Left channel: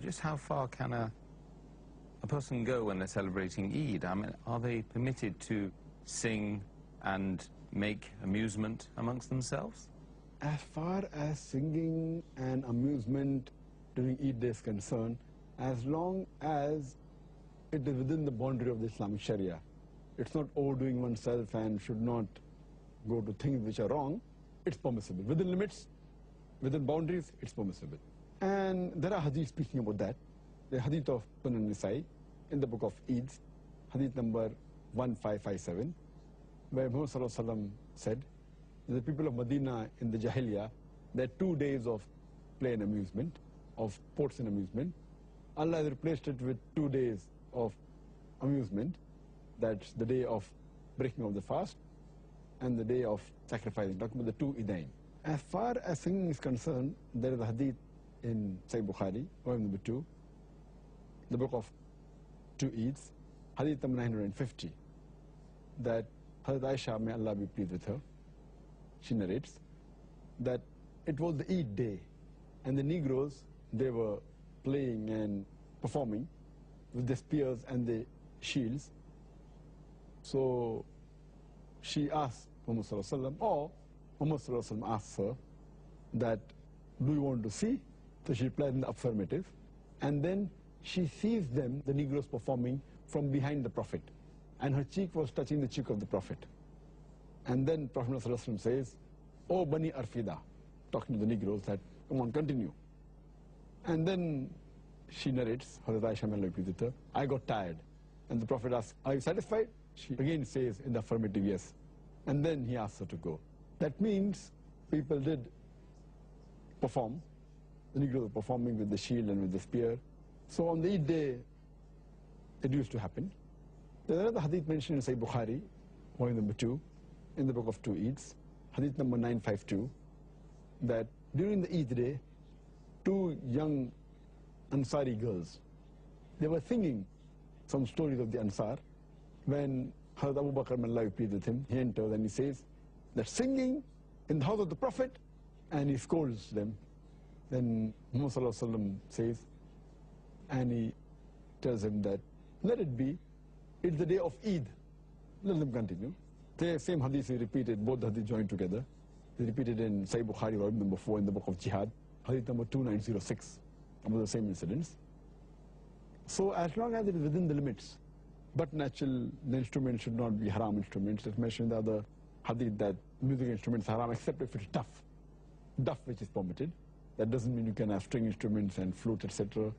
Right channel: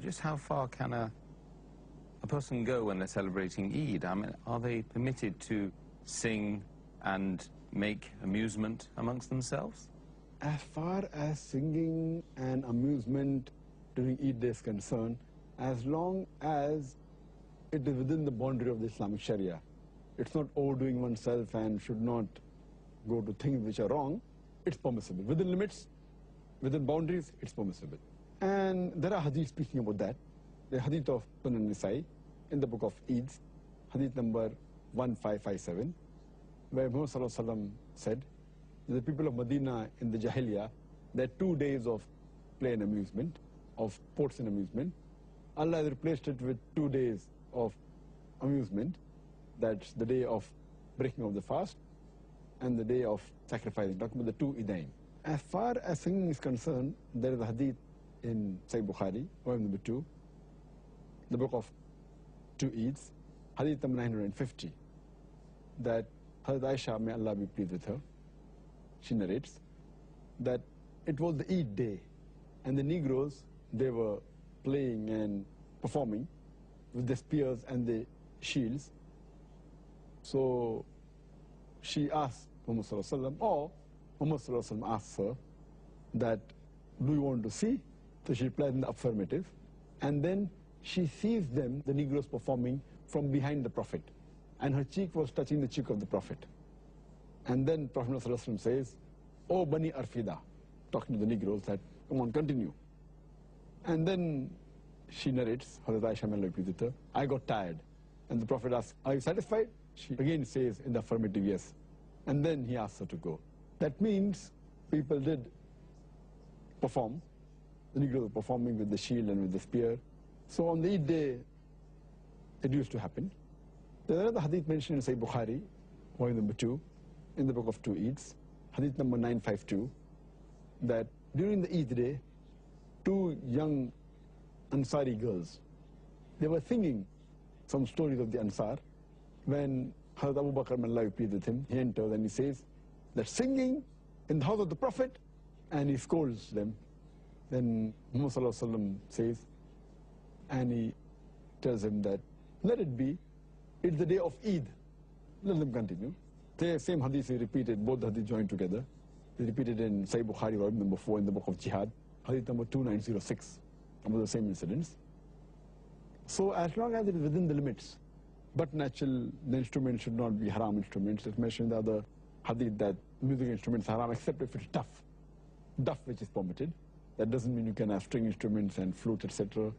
Just how far can a person go when they're celebrating Eid? I mean, are they permitted to sing and make amusement amongst themselves? As far as singing and amusement during Eid is concerned, as long as it is within the boundary of the Islamic Sharia, it's not overdoing oneself and should not go to things which are wrong, it's permissible. Within limits, within boundaries, it's permissible. And there are hadiths speaking about that. The hadith of Sunnah Nisai in the book of Eid, hadith number 1557, where Muhammad Sallallahu Alaihi Wasallam said, the people of Medina in the Jahiliyyah, there are 2 days of play and amusement, of sports and amusement. Allah has replaced it with 2 days of amusement. That's the day of breaking of the fast and the day of sacrificing, talking about the 2 Eidain. As far as singing is concerned, there is a hadith in Sahih Bukhari, volume number 2, the book of 2 Eids, hadith number 950, that Hazrat Aisha, may Allah be pleased with her, she narrates that it was the Eid day and the Negroes, they were playing and performing with the spears and the shields. So she asked Muhammad Sallallahu Alaihi Wasallam, or Muhammad Sallallahu Alaihi Wasallam asked her that, do you want to see? So she replied in the affirmative. And then she sees them, the Negroes, performing from behind the Prophet. And her cheek was touching the cheek of the Prophet. And then Prophet Sallallahu Alaihi Wasallam says, "Oh Bani Arfida," talking to the Negroes, that, come on, continue. And then she narrates, Hazrat Aisha, may Allah be pleased with her, I got tired. And the Prophet asks, are you satisfied? She again says in the affirmative, yes. And then he asks her to go. That means people did perform. The Negroes were performing with the shield and with the spear. So on the Eid day, it used to happen. There's another hadith mentioned in Sahih Bukhari, volume number 2, in the book of 2 Eids, hadith number 952, that during the Eid day, 2 young Ansari girls, they were singing some stories of the Ansar. When Hazrat Abu Bakr, may Allah be pleased with him, he enters and he says that singing in the house of the Prophet, and he scolds them. Then Muhammad Sallallahu Alaihi Wasallam says, and he tells him that, let it be, it's the day of Eid, let them continue. The same hadith is repeated, both hadith joined together. They repeated in Sahih Bukhari, volume number 4, in the book of Jihad, hadith number 2906, about the same incidents. So as long as it is within the limits, but natural, the instruments should not be haram instruments. It's mentioned in the other hadith that music instruments are haram, except if it's duff which is permitted. That doesn't mean you can have string instruments and flute, etc.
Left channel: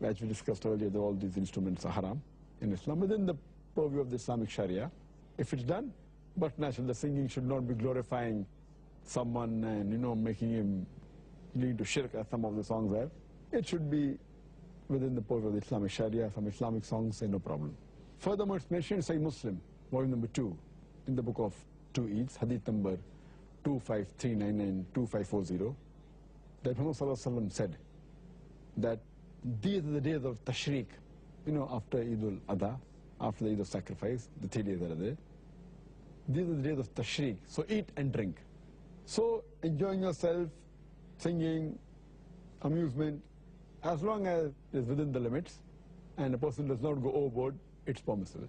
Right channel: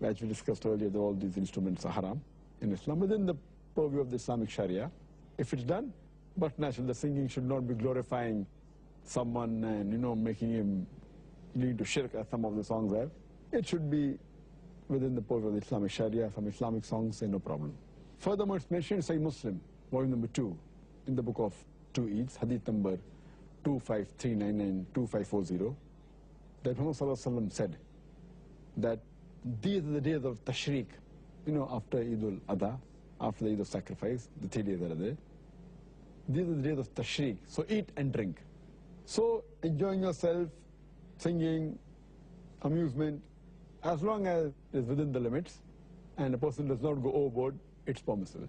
As we discussed earlier, that all these instruments are haram in Islam, within the purview of the Islamic Sharia, if it's done. But naturally, the singing should not be glorifying someone and, making him lead to shirk, as some of the songs have. It should be within the purview of the Islamic Sharia. Some Islamic songs say no problem. Furthermore, it's mentioned in Sahih Muslim, volume number 2, in the book of 2 Eids, hadith number 2539 and 2540, that Muhammad Sallallahu Alaihi Wasallam said that these are the days of Tashriq, after Eid al-Adha, after the Eid of sacrifice, the 3 days that are there. These are the days of Tashriq, so eat and drink. So enjoying yourself, singing, amusement, as long as it is within the limits and a person does not go overboard, it's permissible.